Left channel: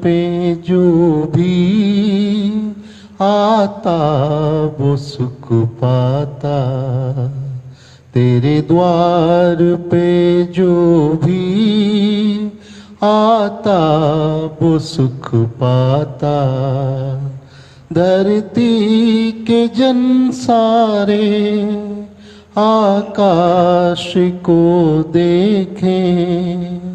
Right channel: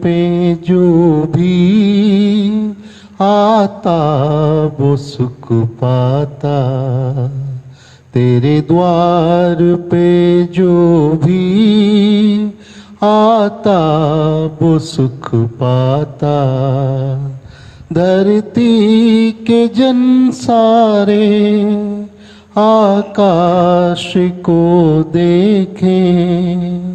पे जो भी आता वो सुख पाता, तेरे द्वार पे जो भी आता वो सुख पाता। धरती के जन सारे आकाश को देखें,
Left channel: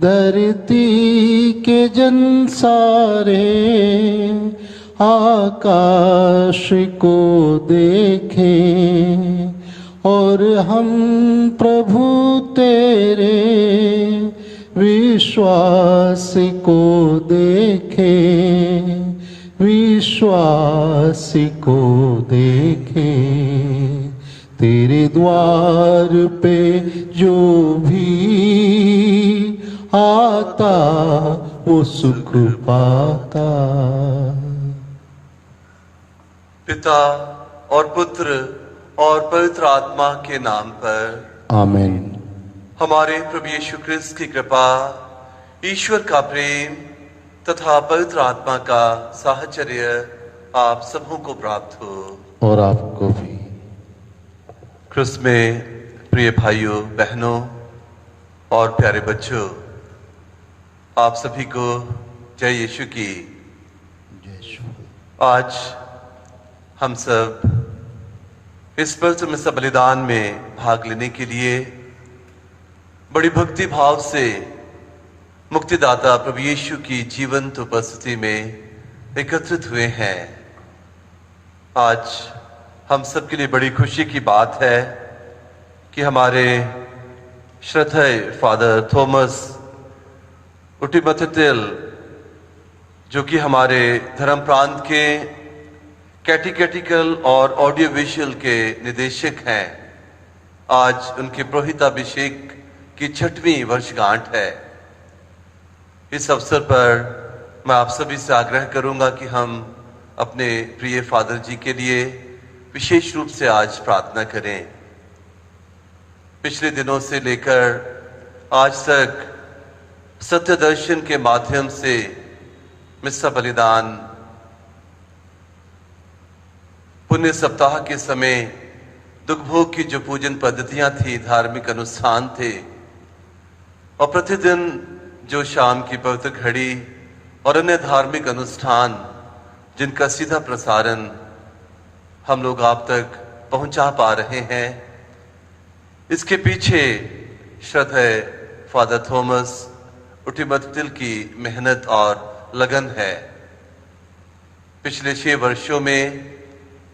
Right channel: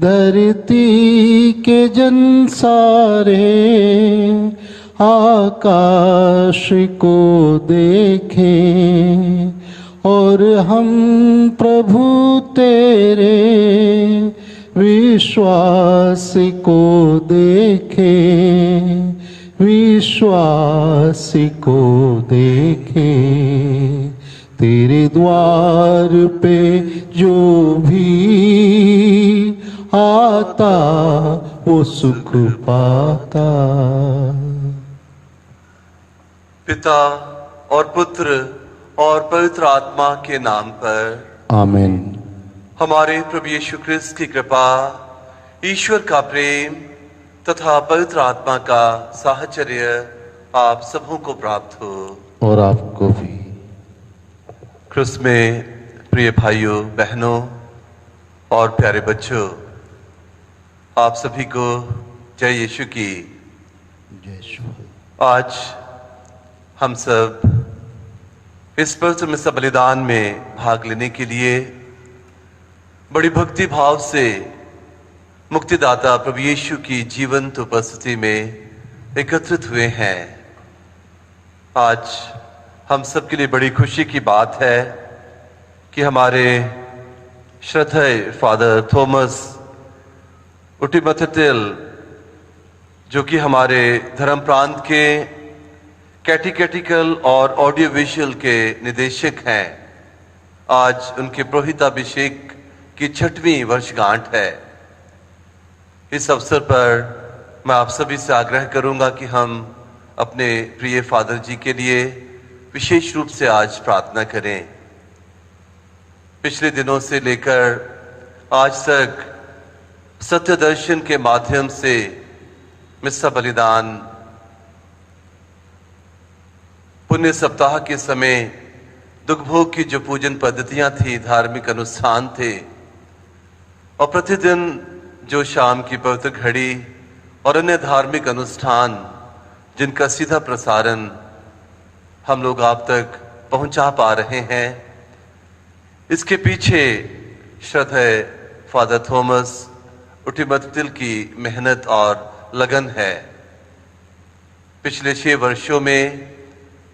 धरती के जन सारे आकाश को देखें, और हम प्रभु तेरे विश्वास को देखें, विश्वास को देखें। तेरे द्वार पे जो भी आता वो सुख पाता। पिता और पुत्र और पवित्र आत्मा के नाम पर आमीन। हमारे प्रभु यीशु ख्रिस्त की कृपा, ईश्वर का प्रेम तथा पवित्र आत्मा का साहचर्य आप सबों को प्राप्त हो। और आपको भी। ख्रिस्त में प्रिय भाइयों बहनों और प्यारे बच्चों, आप सभी को जय यीशु की। जय यीशु। आज हम सब इस पवित्र मिसा बलिदान में भाग लेने के लिए बड़ी भक्ति भाव से मुक्तिदाता प्रभु यीशु की जीवंत उपस्थिति में एकत्रित हुए हैं। आज हम सबके लिए बड़ी खुशी की बात है कि हमारे श्रद्धेय फादर थॉमस उटिमथिल, जो कि हमारे धर्म प्रांत के कैटिकेटिकल और ऑडियो विजुअल के निदेशक हैं, आज उनके पुरोहिताभिषेक की 6वीं वर्षगांठ है। इस अवसर पर मैं आप सभी से आग्रह करूंगा कि हम अपने प्रिय फादर जी के लिए विशेष रूप से आज प्रार्थना करें। पिछले दिनों से लेकर आज तक सत्य दर्शन के माध्यम से मिसा बलिदान, पुण्य सप्ताह के समय दुखभोग की जो पूजन पद्धतियां थी, धार्मिक अनुष्ठान थे, और प्रतिदिन जो शाम की पवित्र घड़ी और अन्य धार्मिक अनुष्ठान जिनका सीधा प्रसारण हम लोग आप तक पहुंचा पा रहे हैं, इसके पीछे श्रद्धेय फादर थॉमस उटिमथिल की मेहनत और लगन है। पिछले 6 वर्षों में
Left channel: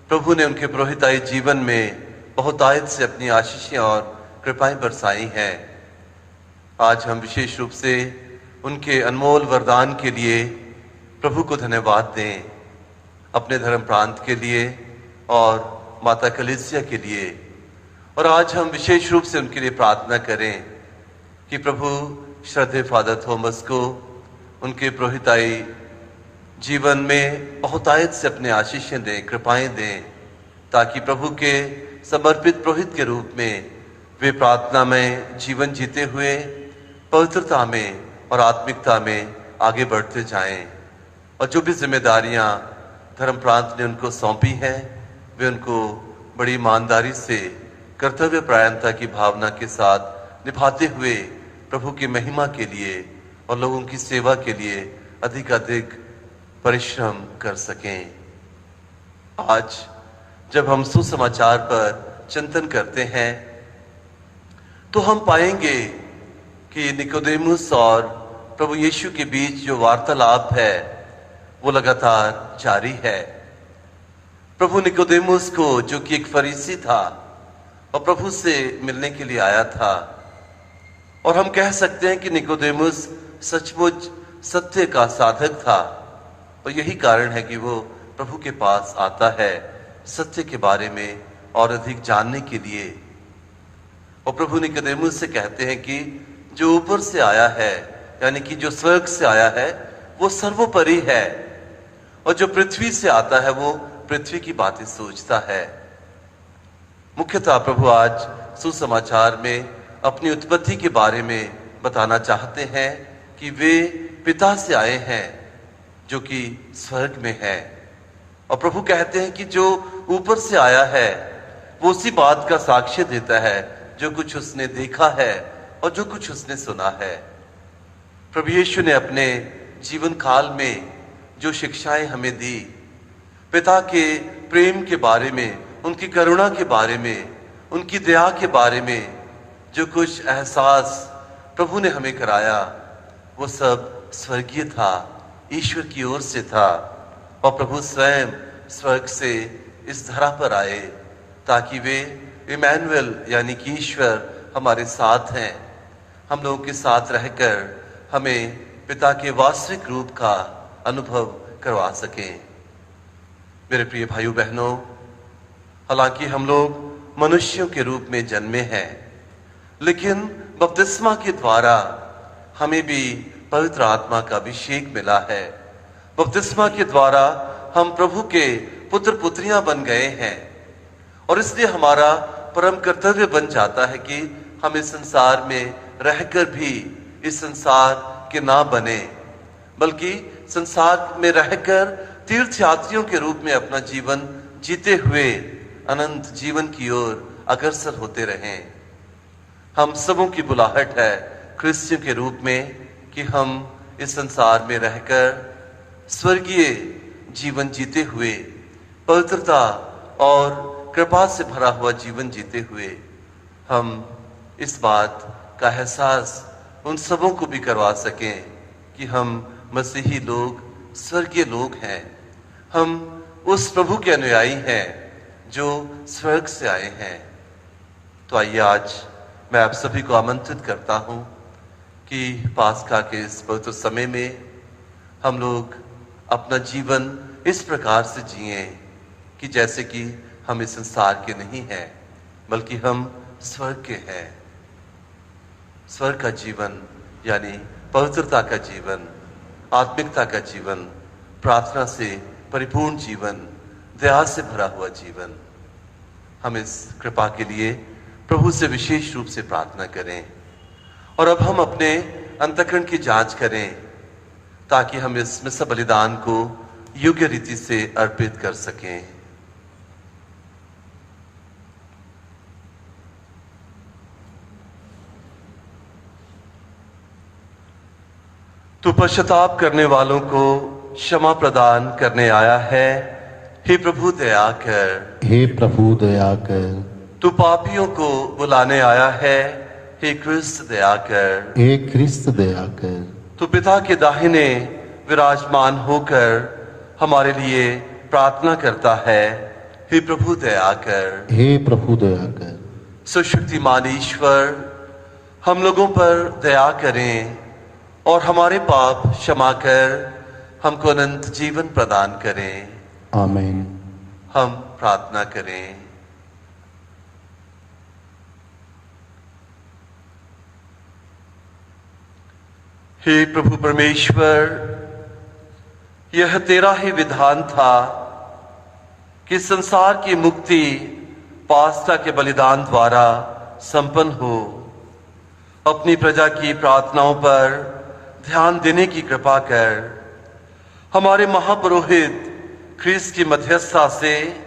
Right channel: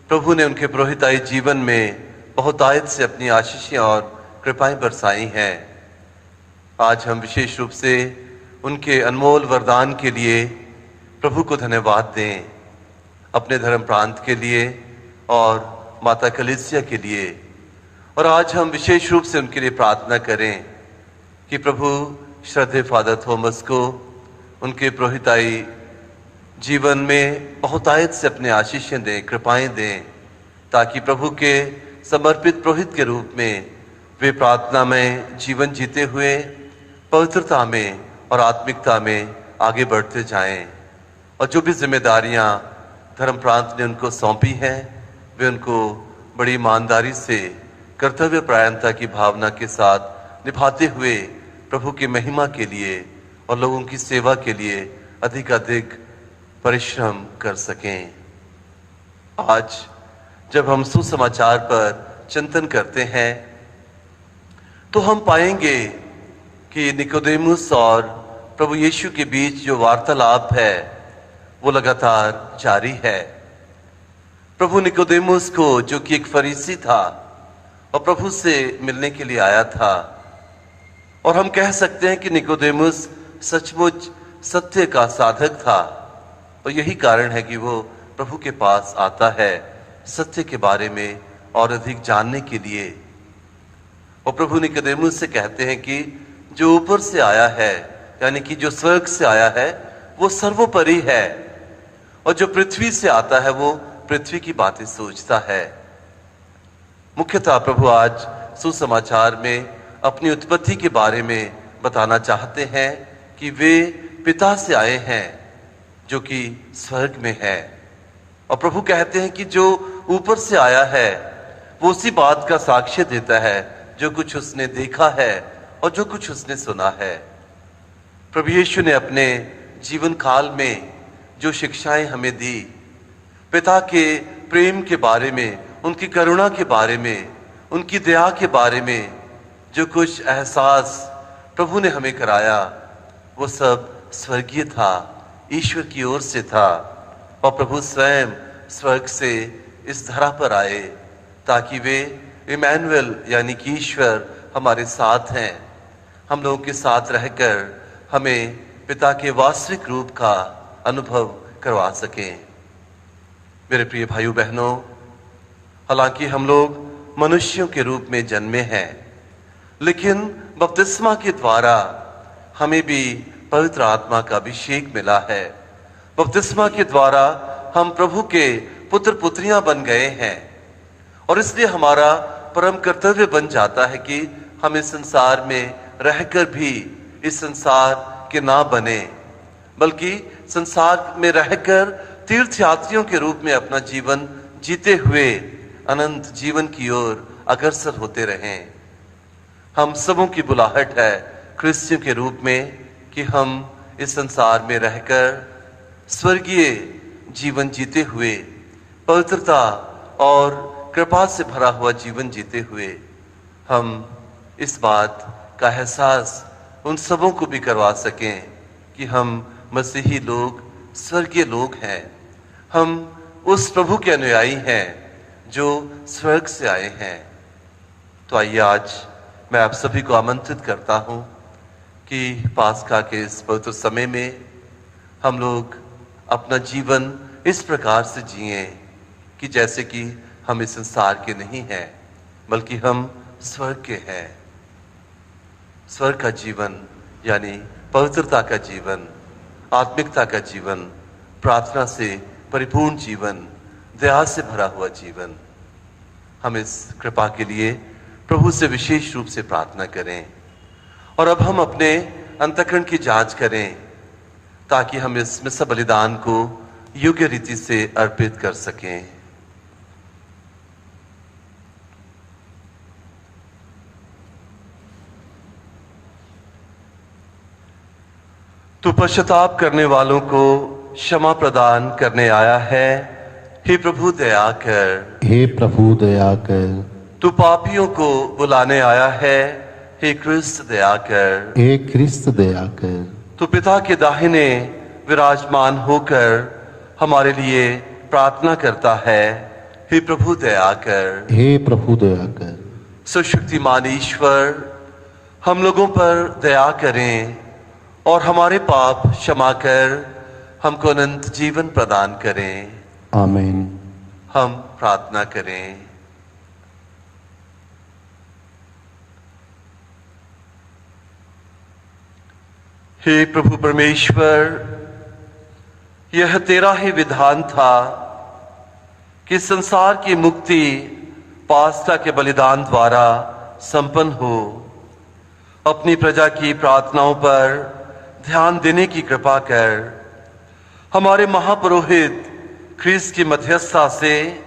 प्रभु ने उनके पुरोहिताई जीवन में बहुतायत से अपनी आशीषें और कृपाएं बरसाई हैं। आज हम विशेष रूप से उनके अनमोल वरदान के लिए प्रभु को धन्यवाद दें, अपने धर्म प्रांत के लिए और माता कलीसिया के लिए। और आज हम विशेष रूप से उनके लिए प्रार्थना करें कि प्रभु श्रद्धेय फादर थॉमस को उनके पुरोहिताई जीवन में बहुतायत से अपने आशीषें दें, कृपाएं दें, ताकि प्रभु के समर्पित पुरोहित के रूप में वे प्रार्थना में जीवन जीते हुए पवित्रता में और आत्मिकता में आगे बढ़ते जाएं। और जो भी जिम्मेदारियां धर्म प्रांत ने उनको सौंपी हैं, वे उनको बड़ी ईमानदारी से कर्तव्य परायणता की भावना के साथ निभाते हुए प्रभु की महिमा के लिए और लोगों की सेवा के लिए अधिकाधिक परिश्रम कर सकें। आज जब हम सुसमाचार पर चिंतन करते हैं तो हम पाएंगे कि निकोदेमुस और प्रभु यीशु के बीच जो वार्तालाप है वो लगातार जारी है। प्रभु निकोदेमुस को, जो कि एक फरीसी था और प्रभु से मिलने के लिए आया था, और हम कह सकते हैं कि निकोदेमुस सचमुच सत्य का साधक था, और यही कारण है कि वो प्रभु के पास आता है सत्य के बारे में और अधिक जानने के लिए। और प्रभु निकोदेमुस से कहते हैं कि जो ऊपर से आया है, यानी कि जो स्वर्ग से आया है, वो सर्वोपरि है, और जो पृथ्वी से आता है वो पृथ्वी की बातें सोचता है। मुख्यतः प्रभु आज सुसमाचार में अपनी उत्पत्ति के बारे में बताना चाहते हैं कि वे पिता से आए हैं जो कि स्वर्ग में है। और प्रभु कहते हैं कि जो ऊपर से आया है वो उसी बात का साक्ष्य देता है जो कुछ उसने देखा है और जो कुछ उसने सुना है। प्रभु यीशु ने अपने जीवन काल में जो शिक्षाएं हमें दी, पिता के प्रेम के बारे में, उनकी करुणा के बारे में, उनकी दया के बारे में जो कुछ एहसास प्रभु ने हमें कराया, वो सब स्वर्गीय था, ईश्वर की ओर से था। और प्रभु स्वयं स्वर्ग से इस धरा पर आए ताकि वे इमैनुअल यानी कि ईश्वर हमारे साथ हैं, हम लोगों के साथ रहकर हमें पिता के वास्तविक रूप का अनुभव करवा सकें। मेरे प्रिय भाइयों बहनों, हालांकि हम लोग मनुष्यों के रूप में जन्मे हैं, लेकिन बपतिस्मा के द्वारा हमें भी पवित्र आत्मा का अभिषेक मिला है। बपतिस्मा के द्वारा हम प्रभु के पुत्र पुत्रियां बन गए हैं और इसलिए हमारा परम कर्तव्य बन जाता है कि हम इस संसार में रहकर भी इस संसार के ना बने, बल्कि संसार में रहकर तीर्थ यात्रियों के रूप में अपना जीवन जीते हुए अनंत जीवन की ओर अग्रसर होते रहें। हम सबों की बुलाहट है क्रिश्चियन के रूप में कि हम इस संसार में रहकर स्वर्गीय जीवन जीते हुए, पवित्रता और कृपा से भरा हुआ जीवन जीते हुए हम इस बात का एहसास उन सबों को भी करवा सकें कि हम मसीही लोग स्वर्गीय लोग हैं, हम उस प्रभु के अनुयायी हैं जो स्वर्ग से आए हैं। तो आइए आज मैं आप सभी को आमंत्रित करता हूं कि पास्का के इस पवित्र समय में हम लोग अपना जीवन इस प्रकार से जिए कि जैसे कि हम इस संसार के नहीं हैं, बल्कि हम स्वर्ग के हैं। स्वर्ग का जीवन यानी पवित्रता का जीवन, आत्मिकता का जीवन, प्रार्थना से परिपूर्ण जीवन, दया से भरा हुआ जीवन। हम इस कृपा के लिए प्रभु से विशेष रूप से प्रार्थना करें और अब हम अपने अंतःकरण की जांच करें ताकि हम इस मिस्र बलिदान को योग्य रीति से अर्पित कर सकें। तू पश्चाताप करने वालों को क्षमा प्रदान करने आया है, हे प्रभु दया कर। हे प्रभु दया कर। तू पापियों को बुलाने आया है, हे क्रिस्त दया कर। हे क्रिस्त दया कर। तू पिता के दाहिने विराजमान होकर हमारे लिए प्रार्थना करता है, हे प्रभु दया कर। हे प्रभु दया कर। सुशक्तिमान ईश्वर, हम लोगों पर दया करें और हमारे पाप क्षमा कर हमको अनंत जीवन प्रदान करें। आमीन। हम प्रार्थना करें। हे प्रभु परमेश्वर, यह तेरा ही विधान था कि संसार की मुक्ति पास्का के बलिदान द्वारा संपन्न हो। अपनी प्रजा की प्रार्थनाओं पर ध्यान देने की कृपा कर। हमारे महापुरोहित ख्रीस्त की मध्यस्थता से,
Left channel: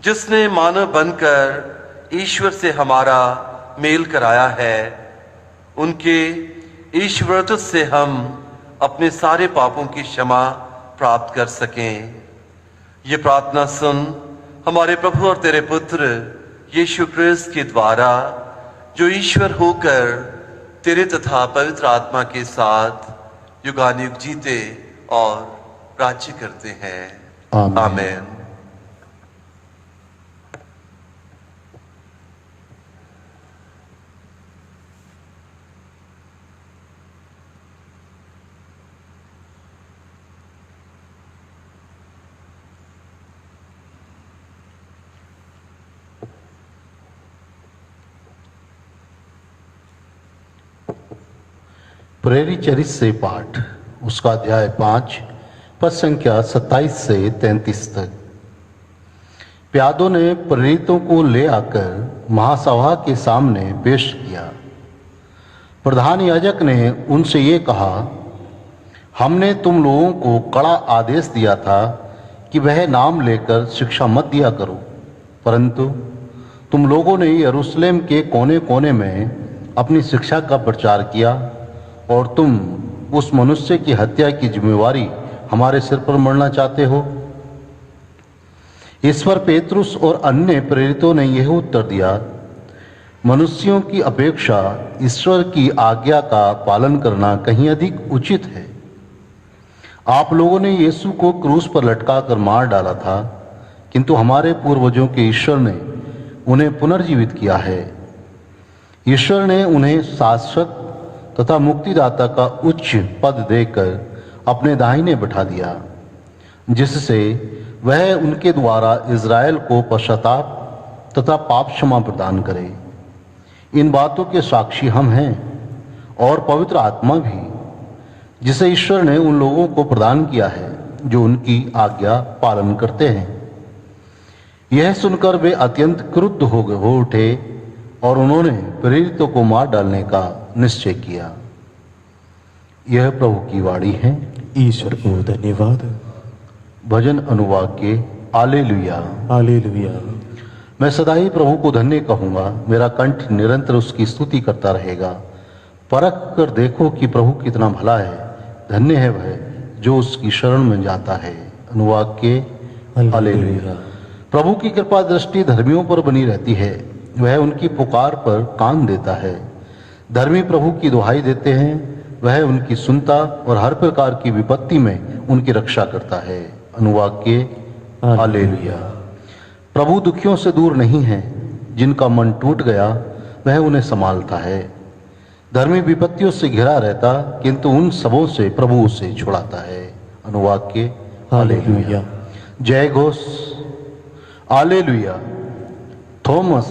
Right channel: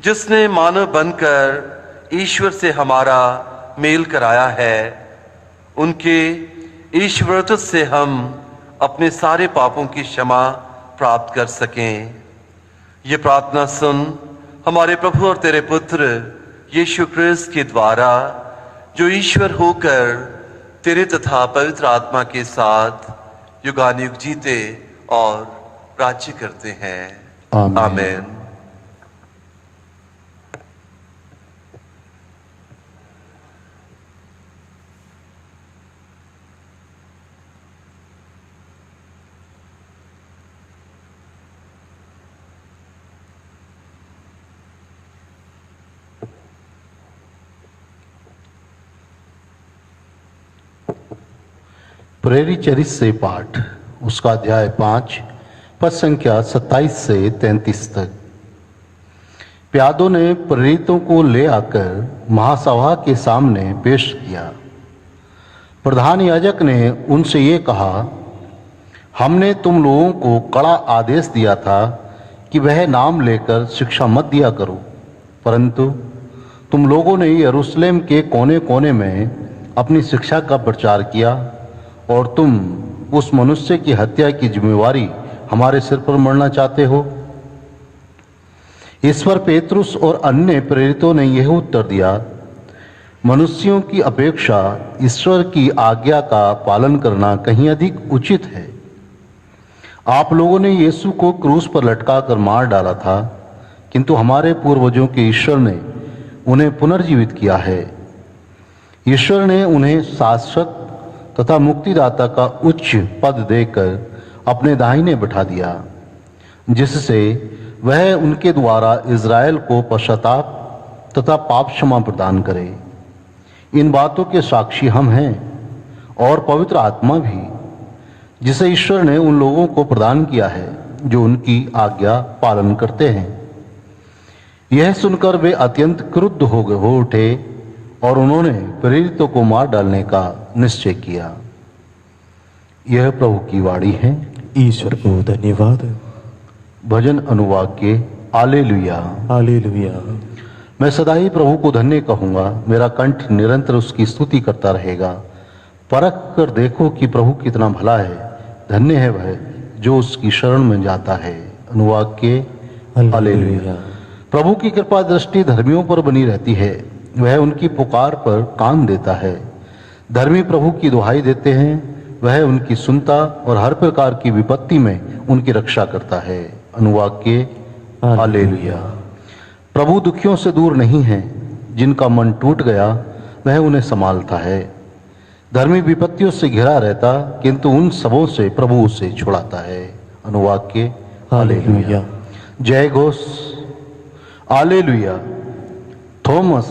जिसने मानव बनकर ईश्वर से हमारा मेल कराया है, उनके ईश्वरत्व से हम अपने सारे पापों की क्षमा प्राप्त कर सकें। ये प्रार्थना सुन हमारे प्रभु और तेरे पुत्र यीशु क्रिस्त के द्वारा, जो ईश्वर होकर तेरे तथा पवित्र आत्मा के साथ युगानुयुग जीते और राज्य करते हैं। आमीन। आमीन। प्रेरित चरित्र से पाठ, उसका अध्याय 5 पद संख्या 27 से 33 तक। प्यादों ने प्रेरितों को ले आकर महासभा के सामने पेश किया। प्रधान याजक ने उनसे ये कहा, हमने तुम लोगों को कड़ा आदेश दिया था कि वह नाम लेकर शिक्षा मत दिया करो, परंतु तुम लोगों ने यरूशलेम के कोने कोने में अपनी शिक्षा का प्रचार किया और तुम उस मनुष्य की हत्या की जिम्मेवारी हमारे सिर पर मढ़ना चाहते हो। इस पर पेतरुस और अन्य प्रेरितों ने यह उत्तर दिया, मनुष्यों की अपेक्षा ईश्वर की आज्ञा का पालन करना कहीं अधिक उचित है। आप लोगों ने यीशु को क्रूस पर लटकाकर मार डाला था, किंतु हमारे पूर्वजों के ईश्वर ने उन्हें पुनर्जीवित किया है। ईश्वर ने उन्हें शाश्वत तथा मुक्तिदाता का उच्च पद देकर अपने दाहिने बिठा दिया, जिससे वह उनके द्वारा इज़राइल को पश्चाताप तथा पाप क्षमा प्रदान करे। इन बातों के साक्षी हम हैं और पवित्र आत्मा भी, जिसे ईश्वर ने उन लोगों को प्रदान किया है जो उनकी आज्ञा पालन करते हैं। यह सुनकर वे अत्यंत क्रुद्ध हो उठे और उन्होंने प्रेरितों को मार डालने का निश्चय किया। यह प्रभु की वाणी है। ईश्वर को धन्यवाद। भजन अनुवाद के हालेलुया। हालेलुया। मैं सदा ही प्रभु को धन्य कहूंगा, मेरा कंठ निरंतर उसकी स्तुति करता रहेगा। परख कर देखो कि प्रभु कितना भला है, धन्य है वह जो उसकी शरण में जाता है। अनुवाद के हालेलुया। प्रभु की कृपा दृष्टि धर्मियों पर बनी रहती है, वह उनकी पुकार पर कान देता है। धर्मी प्रभु की दुहाई देते हैं, वह उनकी सुनता और हर प्रकार की विपत्ति में उनकी रक्षा करता है। अनुवाद के हालेलुया। प्रभु दुखियों से दूर नहीं है, जिनका मन टूट गया वह उन्हें संभालता है। धर्मी विपत्तियों से घिरा रहता, किंतु उन सबों से प्रभु उसे छुड़ाता है। अनुवाद के हालेलुया। जय घोष हालेलुया। थॉमस,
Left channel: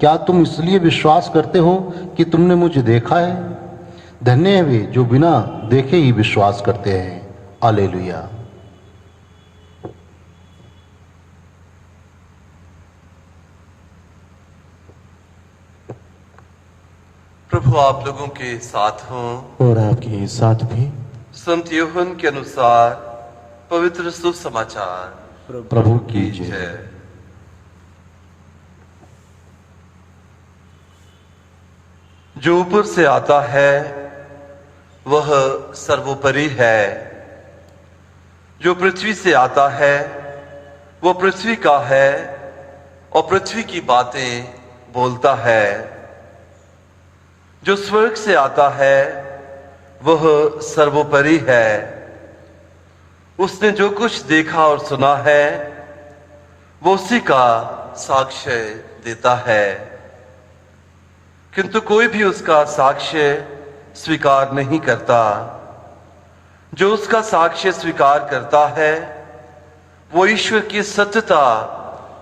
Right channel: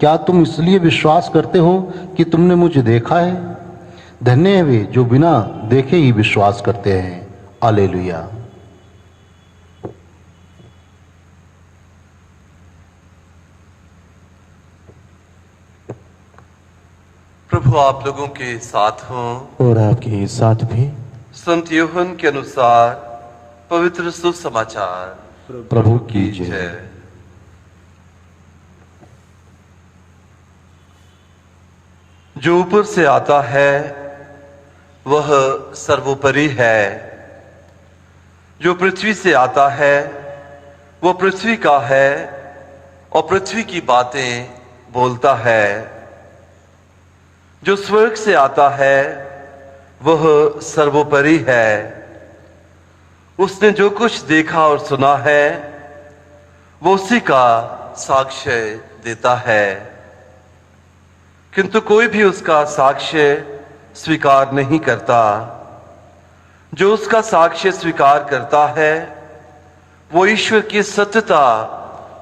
क्या तुम इसलिए विश्वास करते हो कि तुमने मुझे देखा है? धन्य है वे जो बिना देखे ही विश्वास करते हैं। हालेलुया। प्रभु आप लोगों के साथ हों और आपके साथ भी। संत यूहन्ना के अनुसार पवित्र सुसमाचार। प्रभु की जय। जय। जो ऊपर से आता है वह सर्वोपरि है, जो पृथ्वी से आता है वह पृथ्वी का है और पृथ्वी की बातें बोलता है। जो स्वर्ग से आता है वह सर्वोपरि है, उसने जो कुछ देखा और सुना है वो उसी का साक्ष्य देता है, किंतु कोई भी उसका साक्ष्य स्वीकार नहीं करता। जो उसका साक्ष्य स्वीकार करता है वो ईश्वर की सत्यता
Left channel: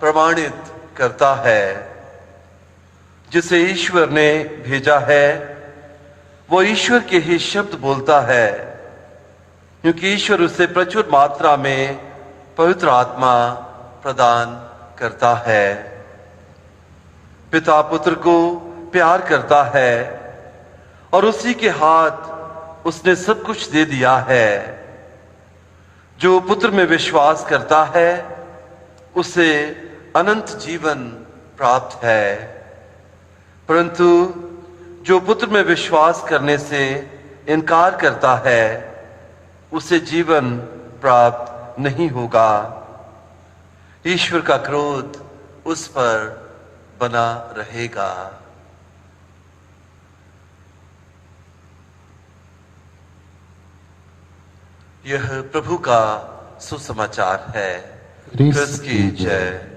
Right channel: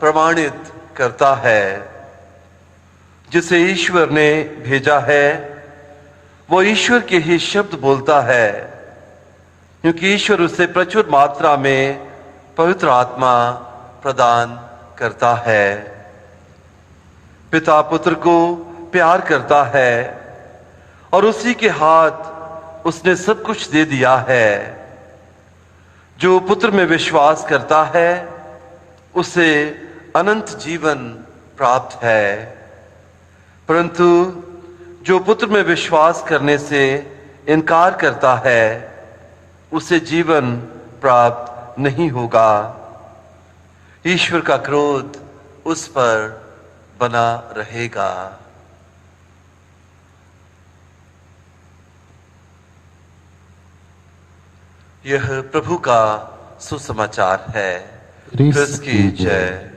प्रमाणित करता है। जिसे ईश्वर ने भेजा है वो ईश्वर के ही शब्द बोलता है, क्योंकि ईश्वर उसे प्रचुर मात्रा में पवित्र आत्मा प्रदान करता है। पिता पुत्र को प्यार करता है और उसी के हाथ उसने सब कुछ दे दिया है। जो पुत्र में विश्वास करता है उसे अनंत जीवन प्राप्त है, परंतु जो पुत्र में विश्वास करने से इनकार करता है उसे जीवन प्राप्त नहीं होगा। ईश्वर का क्रोध उस पर बना रहेगा। यह प्रभु का सुसमाचार है। क्रिस्त की जय।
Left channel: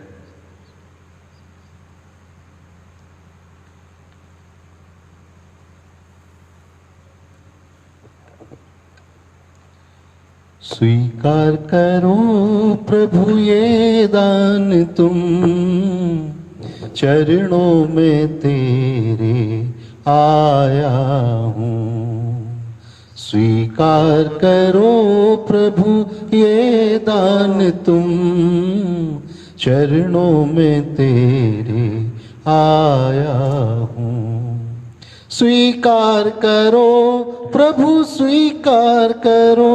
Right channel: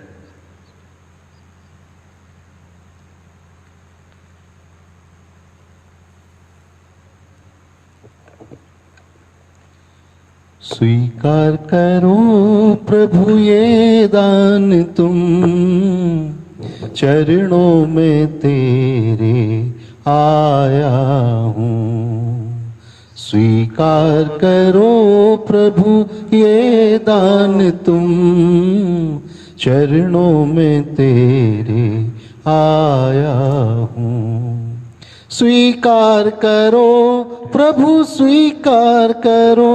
स्वीकार करो प्रभु ये दान तुम, चरणों में तेरे आया हूँ। स्वीकार करो प्रभु ये दान तुम, चरणों में तेरे आया हूँ। स्वीकार करो प्रभु स्वीकार करो,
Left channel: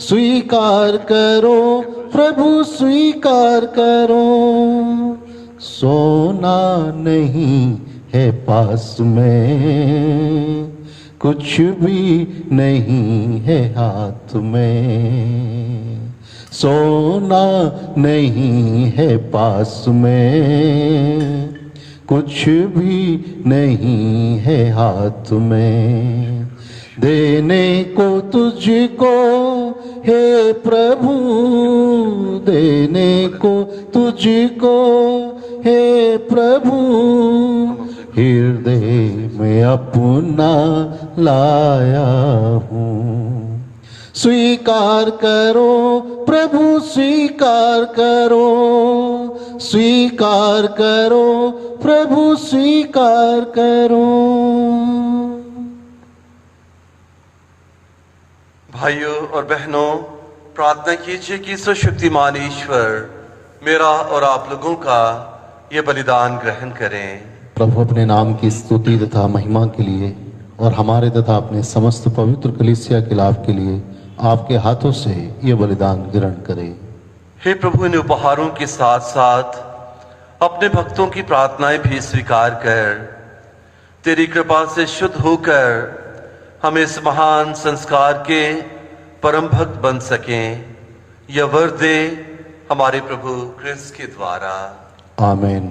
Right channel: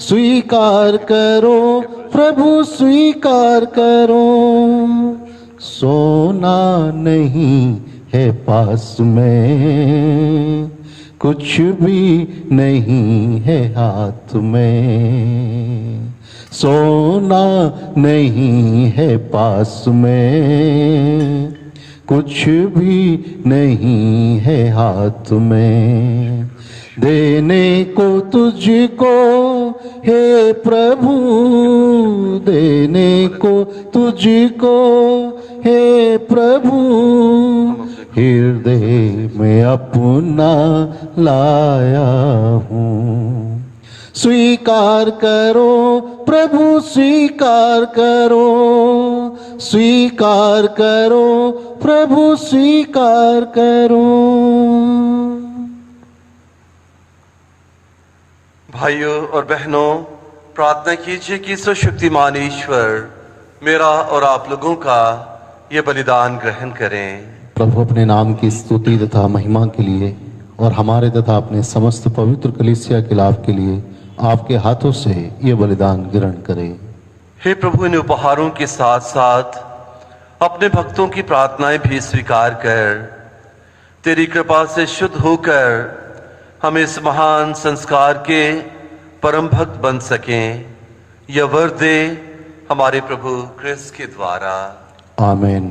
स्वीकार करो प्रभु स्वीकार करो। सोना नहीं है पास में, कुछ भी नहीं है हाथ में। सोना नहीं है पास में, कुछ भी नहीं है हाथ में। देने को तुझको हे प्रभु, देने को तुझको हे प्रभु, हृदय में अपना लाया हूँ। स्वीकार करो प्रभु स्वीकार करो, स्वीकार करो प्रभु स्वीकार करो। भाइयों और बहनों, प्रार्थना कीजिए कि सर्वशक्तिमान ईश्वर मेरा और आप लोगों का ये बलिदान ग्रहण करें। प्रभु अपने नाम की स्तुति तथा महिमा के लिए और हमारे तथा अपने समस्त पवित्र कलीसिया के लाभ के लिए आपके हाथों से ये बलिदान ग्रहण करें। हे प्रभु, इन उपहारों के साथ साथ अपने भक्तों की प्रार्थनाएं भी स्वीकार कर तेरी कृपा से शुद्ध होकर हम इस महान संस्कार के परम भक्त बन सकें। यह वर दे हमारे प्रभु क्रिस्त के द्वारा। आमीन।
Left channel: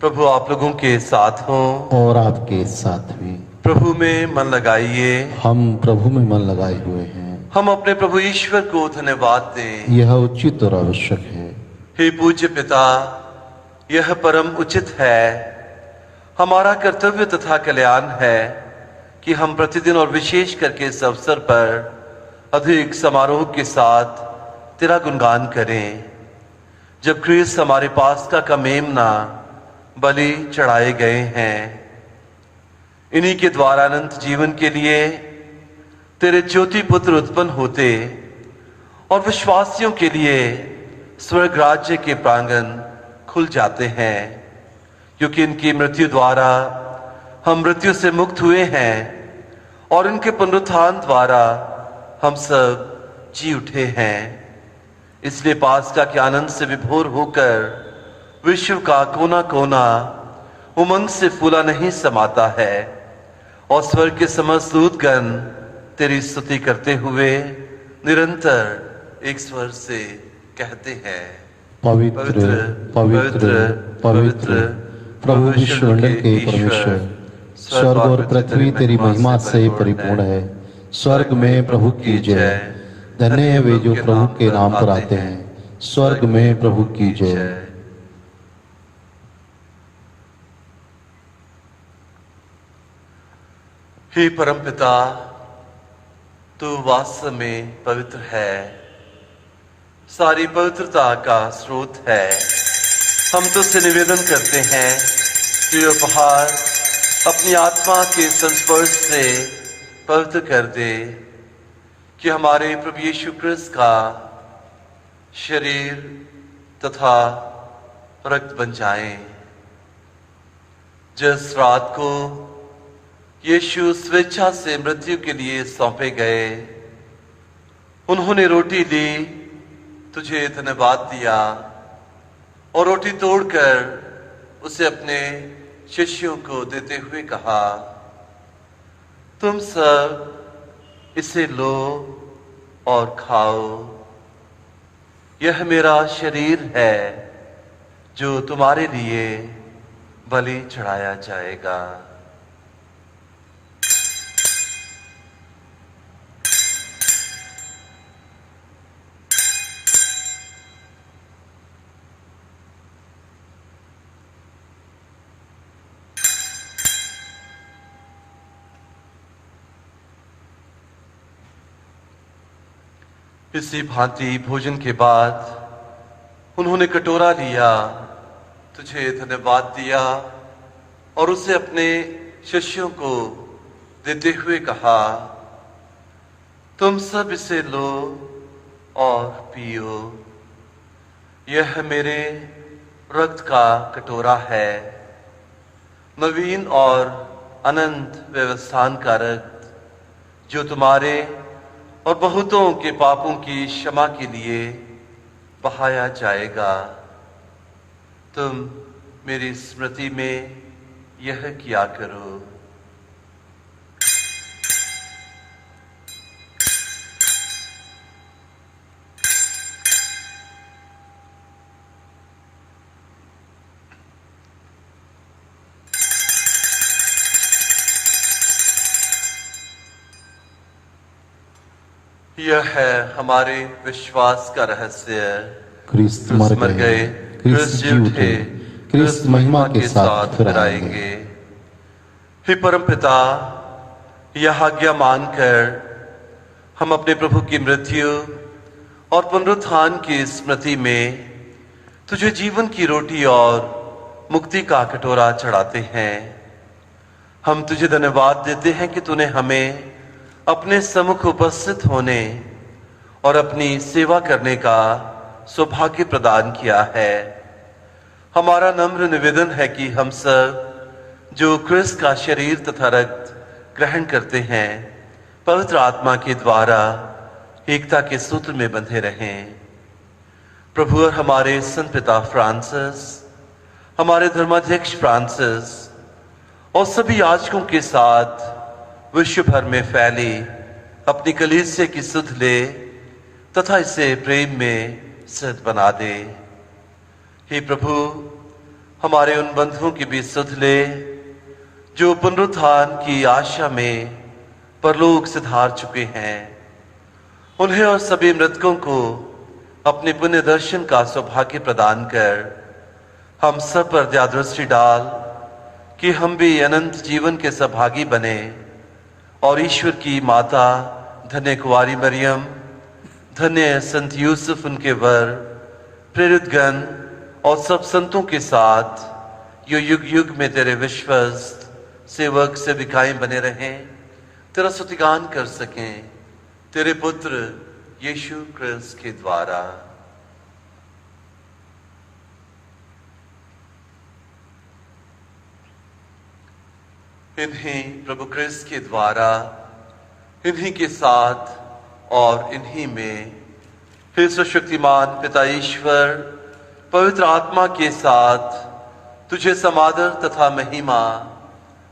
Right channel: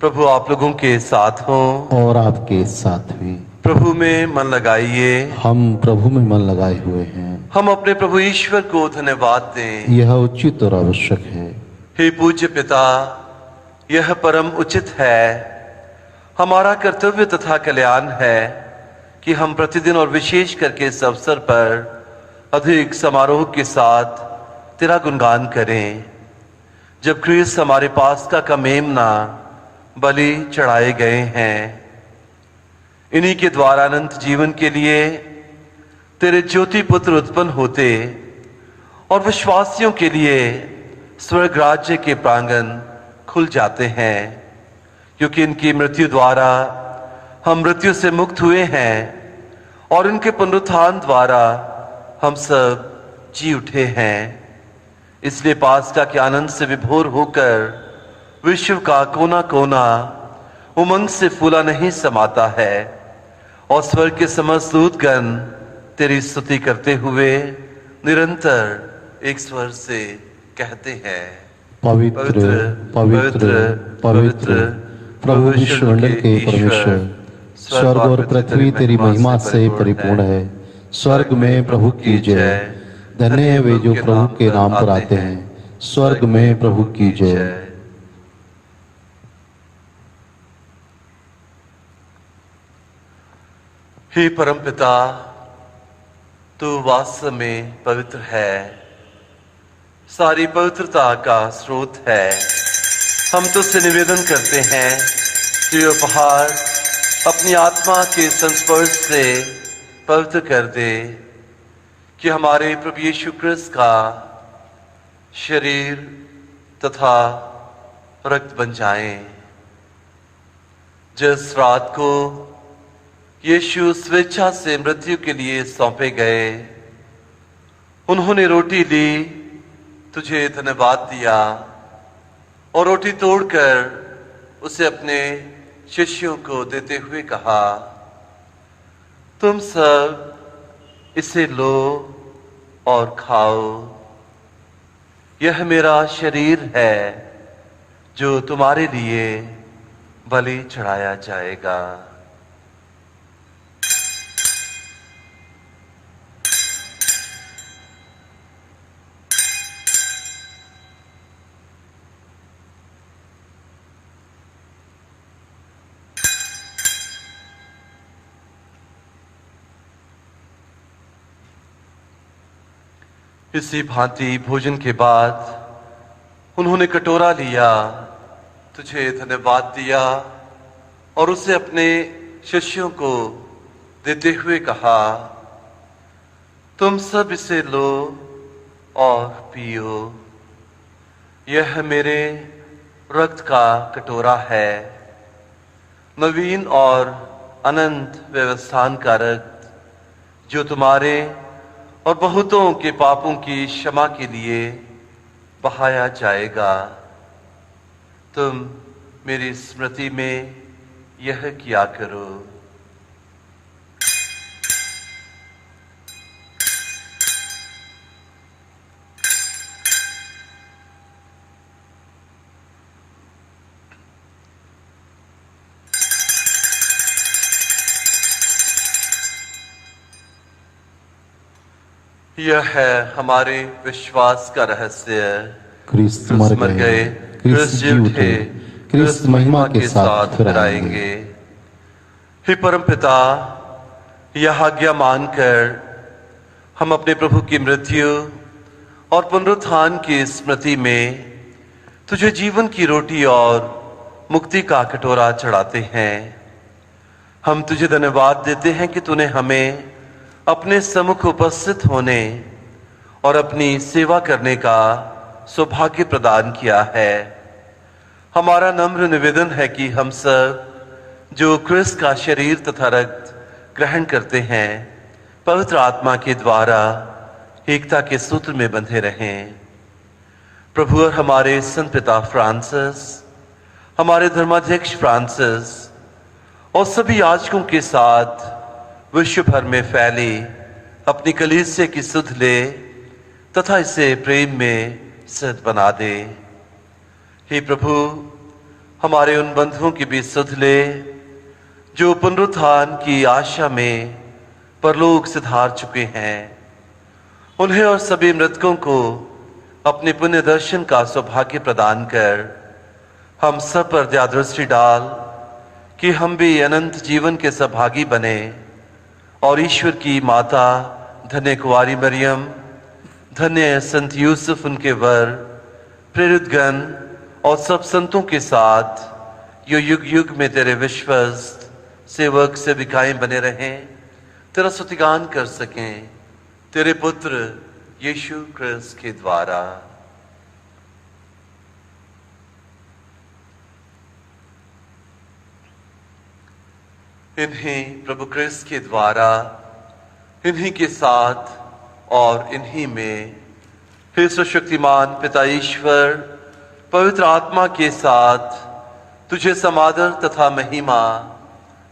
प्रभु आप लोगों के साथ हो और आपके साथ भी। प्रभु में मन लगाइए। हम प्रभु में मन लगाए हुए हैं। हम अपने प्रभु ईश्वर को धन्यवाद दें। यह उचित और आवश्यक है। हे पूज्य पिता, यह परम उचित है। हमारा कर्तव्य तथा कल्याण है कि हम प्रतिदिन और विशेष करके इस अवसर पर अधिक समारोह के साथ तेरा गुणगान करें। जब क्रिस्त हमारे पास का मेमना बलि चढ़ाए गए हैं, इन्हीं के द्वारा अनंत जीवन के लिए तेरे ज्योति पुत्र उत्पन्न होते और विश्वासियों के लिए स्वर्ग राज्य के प्रांगण खुल जाते हैं। क्योंकि इनकी मृत्यु द्वारा हम मृत्यु से मुक्त हुए हैं और इनके पुनरुत्थान द्वारा हम सब जी उठे हैं। इसलिए पास्का के आनंद से विभोर होकर विश्व का कोना कोना उमंग से फूला नहीं समाता है और स्वर्ग के समस्त दूतगण तेरी स्तुति करते हुए निरंतर एक स्वर से कहते हैं, पवित्र पवित्र पवित्र प्रभु विश्वमंडल के परमेश्वर, स्वर्ग और पृथ्वी तेरी महिमा से परिपूर्ण है। स्वर्ग में प्रभु की जय। धन्य है वे जो प्रभु के नाम पर आते हैं। स्वर्ग में प्रभु की जय। हे परमपिता, तू वास्तव में पवित्र है, सारी पवित्रता का स्रोत है। हम तुझसे निवेदन करते हैं कि ये उपहार अपनी आत्मा के संस्पर्श से पवित्र कर दे, कि हमारे प्रभु यीशु क्रिस्त का शरीर तथा रक्त बन जाएं। जिस रात को यीशु स्वेच्छा से मृत्यु के लिए सौंपे गए, उन्होंने रोटी ली, तुझे धन्यवाद दिया और रोटी तोड़कर उसे अपने शिष्यों को देते हुए कहा, तुम सब इसे लो और खाओ। यह मेरा शरीर है जो तुम्हारे लिए बलि चढ़ाया जाएगा। इसी भांति भोजन के बाद उन्होंने कटोरा लिया, तुझे धन्यवाद दिया और उसे अपने शिष्यों को देते हुए कहा, तुम सब इसे लो और पियो। यह मेरे रक्त का कटोरा है, नवीन और अनंत व्यवस्थान का रक्त जो तुम्हारे और बहुतों के पापों की क्षमा के लिए बहाया जाएगा, तुम मेरी स्मृति में यह किया करो। यह है हमारे विश्वास का रहस्य। क्रिस्त क्रिस्त मर गए, क्रिस्त जी उठे, क्रिस्त महिमा के साथ फिर आएंगे। हे परमपिता, यह आज्ञा मानकर हम अपने प्रभु की मृत्यु और पुनरुत्थान की स्मृति में तुझे जीवन की रोटी और मुक्ति का कटोरा चढ़ाते हैं। हम तुझे धन्यवाद देते हैं कि तूने हमें अपने सम्मुख उपस्थित होने और अपनी सेवा करने का सौभाग्य प्रदान किया है। हमारा नम्र निवेदन है कि हम सब जो क्रिस्त का शरीर तथा रक्त ग्रहण करते हैं, पवित्र आत्मा के द्वारा एकता के सूत्र में बंधे रहें। प्रभु और हमारे संत पिता फ्रांसिस, हमारे धर्माध्यक्ष फ्रांसिस और सभी याजकों के साथ विश्व भर में फैली अपनी कलीसिया की सुध ले तथा इसे प्रेम में सिद्ध बना दे। हे प्रभु, हमारे उन बंधुओं की भी सुध ले जो पुनरुत्थान की आशा में परलोक सिधार चुके हैं। उन्हें और सभी मृतकों को अपने पुण्य दर्शन का सौभाग्य प्रदान कर हम सब पर दया दृष्टि डाल कि हम भी अनंत जीवन के सहभागी बने और ईश्वर की माता धन्य कुंवारी मरियम, धन्य संत यूसुफ उनके वर, प्रेरित गण और सब संतों के साथ यो युग युग में तेरे विश्वस्त सेवक सेविकाएं बने रहें, तेरा स्तुतिगान कर सकें तेरे पुत्र यीशु क्रिस्त के द्वारा। इन्हीं प्रभु क्रिस्त के द्वारा, इन्हीं के साथ और इन्हीं में हे सर्वशक्तिमान पिता ईश्वर पवित्र आत्मा के साथ तुझे समादर तथा महिमा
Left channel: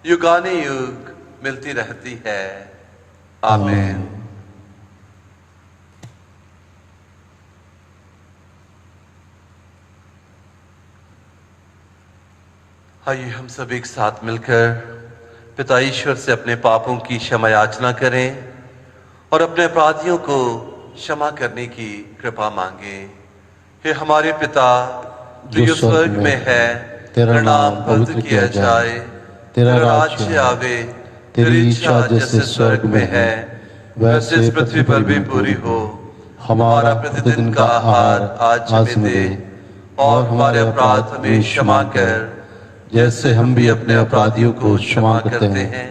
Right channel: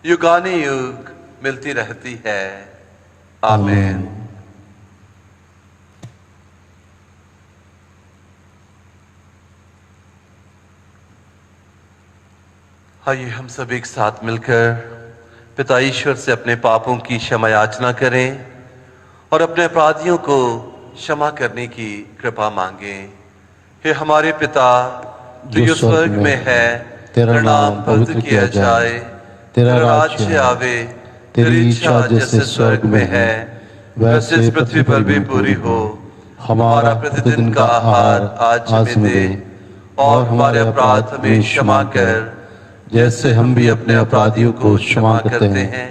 युगाने युग मिलती रहती है। आमीन। आइए हम सब एक साथ मिलकर पिता ईश्वर से अपने पापों की क्षमा याचना करें और अपने अपराधियों को क्षमा करने की कृपा मांगे। हे हमारे पिता जो स्वर्ग में है, तेरा नाम पवित्र किया जाए, तेरा राज्य आवे, तेरी इच्छा जैसे स्वर्ग में है वैसे इस पृथ्वी पर भी पूरी हो। हमारा प्रतिदिन का आहार आज हमें दे और हमारे अपराध हमें क्षमा कर जैसे हम भी अपने अपराधियों को क्षमा करते हैं,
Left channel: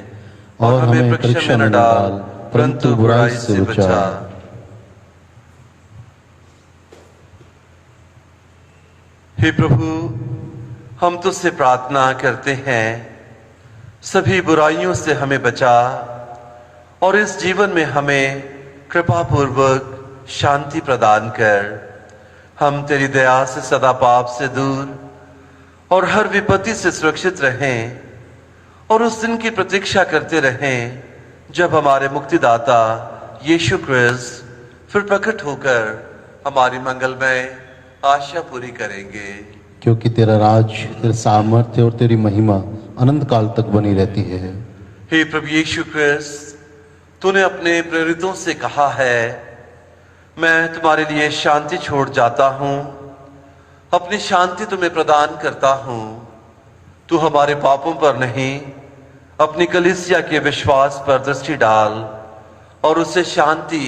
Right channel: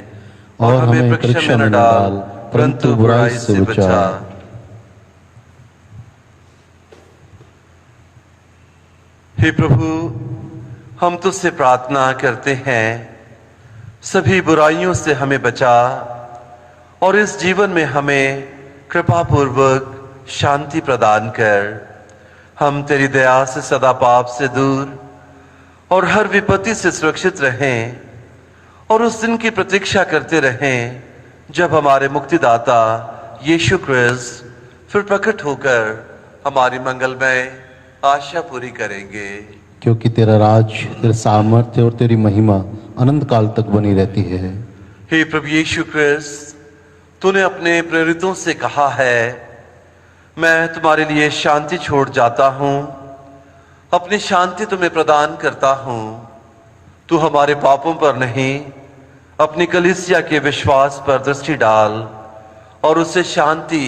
और हमें परीक्षा में न डाल परंतु बुराई से बचा। हे प्रभु, हम तुझसे प्रार्थना करते हैं सभी बुराइयों से हमें बचा और इस जीवन में हमें कृपा पूर्वक शांति प्रदान कर। हम तेरी दया से सदा पाप से दूर और हर विपत्ति से सुरक्षित रहें और उस दिन की प्रतीक्षा करते रहें जब हमारे मुक्तिदाता यीशु क्रिस्त फिर प्रकट होकर हमारी मंगलमय आशा पूरी करेंगे। क्योंकि तेरा राज, तेरा सामर्थ्य और तेरी महिमा अनंत काल तक बनी रहती है। हे प्रभु यीशु क्रिस्त, तूने अपने प्रेरितों से कहा है, मैं तुम्हारे लिए शांति छोड़ जाता हूं, अपनी शांति तुम्हें प्रदान करता हूं। तू हमारे पापों पर नहीं, अपनी कलीसिया के विश्वास पर दृष्टि डाल और उसे शांति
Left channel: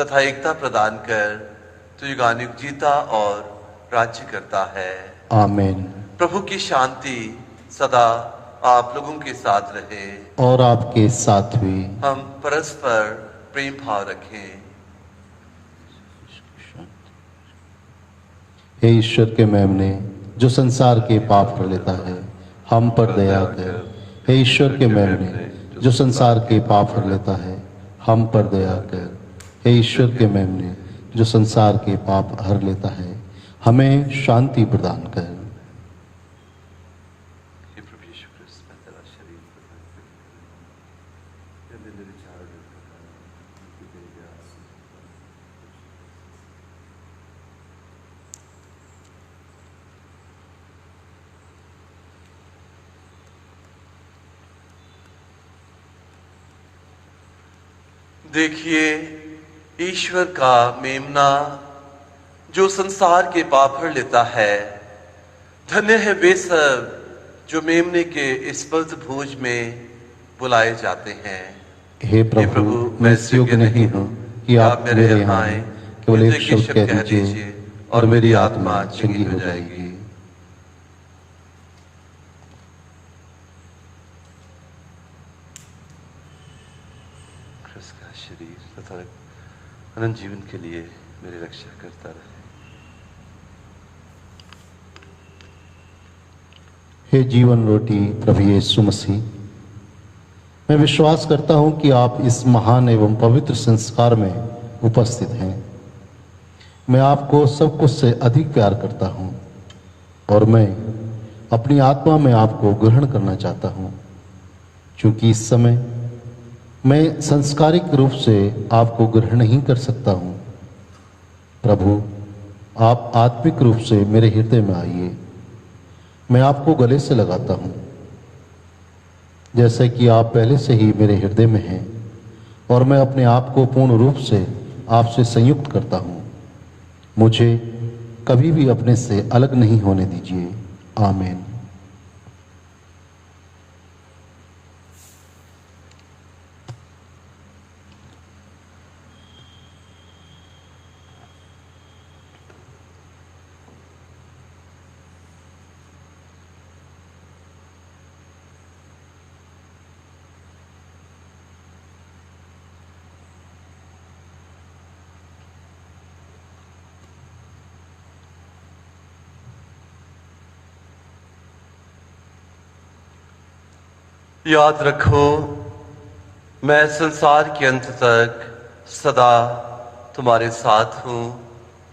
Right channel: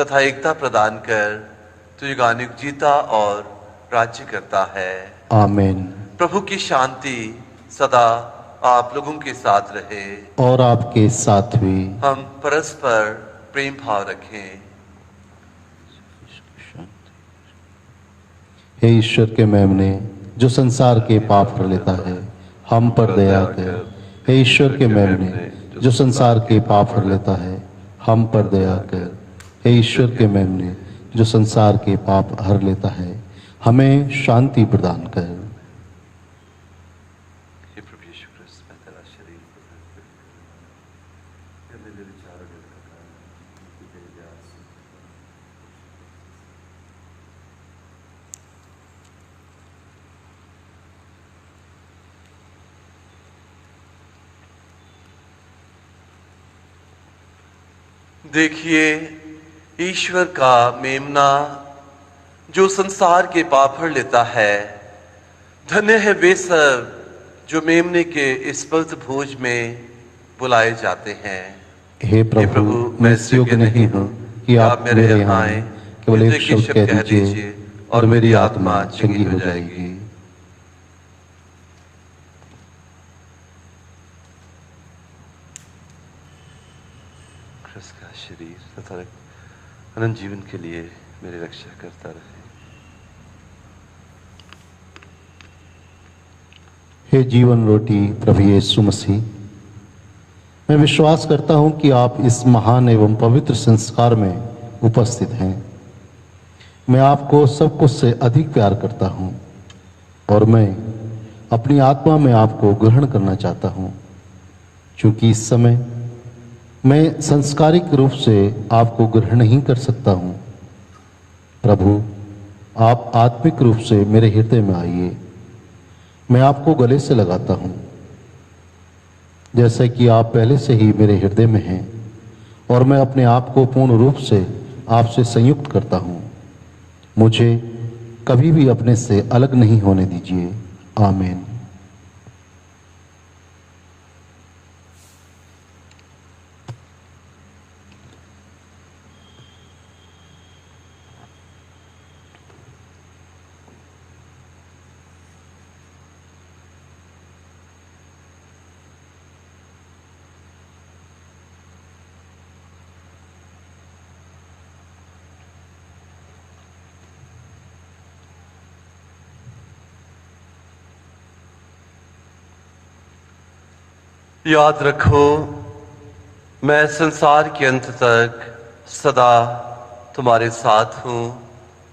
तथा एकता प्रदान कर। तू युगानुयुग जीता और राज्य करता है। आमीन। प्रभु की शांति सदा आप लोगों के साथ रहे और आपके साथ भी। हम परस्पर प्रेम भाव रखें। हे ईश्वर के मेमने, जो संसार के पाप कर लेता है, हम पर दया कर। हे ईश्वर के मेमने जो संसार के पाप हर लेता है, हम पर दया कर। हे ईश्वर के मेमने जो संसार के पाप हर लेता है, हमें शांति प्रदान कर। हे प्रभु यीशु क्रिस्त, मैं तेरा शरीर प्रदान करता हूं। ये मेरे विचार देखिए ईश्वर का मेमना जो संसार के पाप हर लेता है। धन्य है वे सब जो मेमने के इस पवित्र भोज में बुलाए जाते हैं। हे प्रभु, मैं इस योग्य नहीं हूँ कि आप मेरे यहाँ आए, केवल एक शब्द कह दीजिए और मेरी आत्मा चंगी हो जाएगी। क्रिस्त का शरीर तथा अनंत जीवन के लिए मेरी रक्षा करता रहे। हे जीवन रोटी प्रभु यीशु मसीह, मैं विश्वास करता हूं कि आप इस महान एवं पवित्र संस्कार में उपस्थित हैं। मैं आपको सब कुछ से अधिक प्यार करता हूं और मैं अपनी आत्मा में आपको ग्रहण करना चाहता हूं, क्योंकि इस समय मैं संस्कारिक रूप से आपको ग्रहण नहीं कर सकता हूं। प्रभु, आप आत्मिक रूप से मेरे हृदय में आइए। मैं आपको गले से लगाता हूं, जैसे कि आप पहले से ही मेरे हृदय में हैं, और मैं अपने आप को पूर्ण रूप से आपसे संयुक्त करता हूं। मुझे कभी भी अपने से अलग नहीं होने दीजिए। आमीन। याद रखो, मैं संसार के अंत तक सदा तुम्हारे साथ हूं।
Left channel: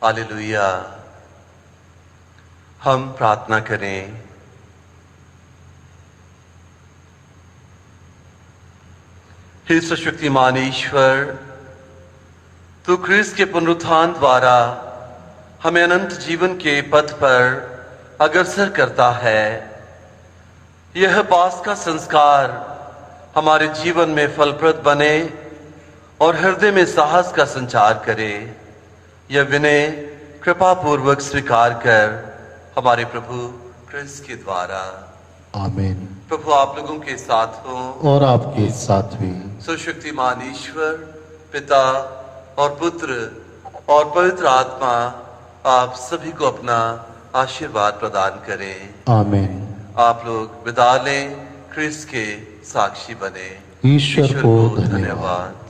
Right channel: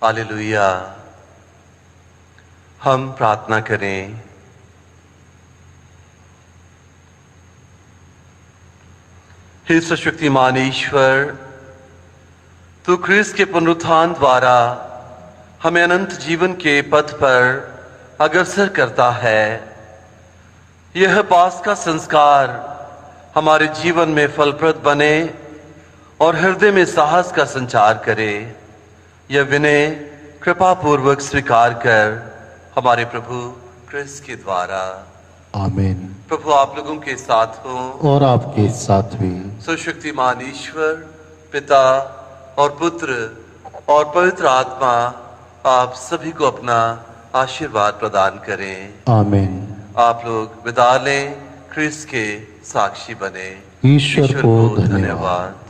हालेलुया। हम प्रार्थना करें। हे सर्वशक्तिमान ईश्वर, तू क्रिस्त के पुनरुत्थान द्वारा हमें अनंत जीवन के पथ पर अग्रसर करता है। यह पास का संस्कार हमारे जीवन में फलप्रद बने और हृदय में साहस का संचार करे। यह विनय कृपा पूर्वक स्वीकार कर हमारे प्रभु क्रिस्त के द्वारा। आमीन। प्रभु आप लोगों के साथ हो और आपके साथ भी। सर्वशक्तिमान ईश्वर पिता और पुत्र और पवित्र आत्मा आप सभी को अपना आशीर्वाद प्रदान करें। आमीन। आप लोग विदा लें, क्रिस्त के साक्षी बने। ईश्वर को धन्यवाद।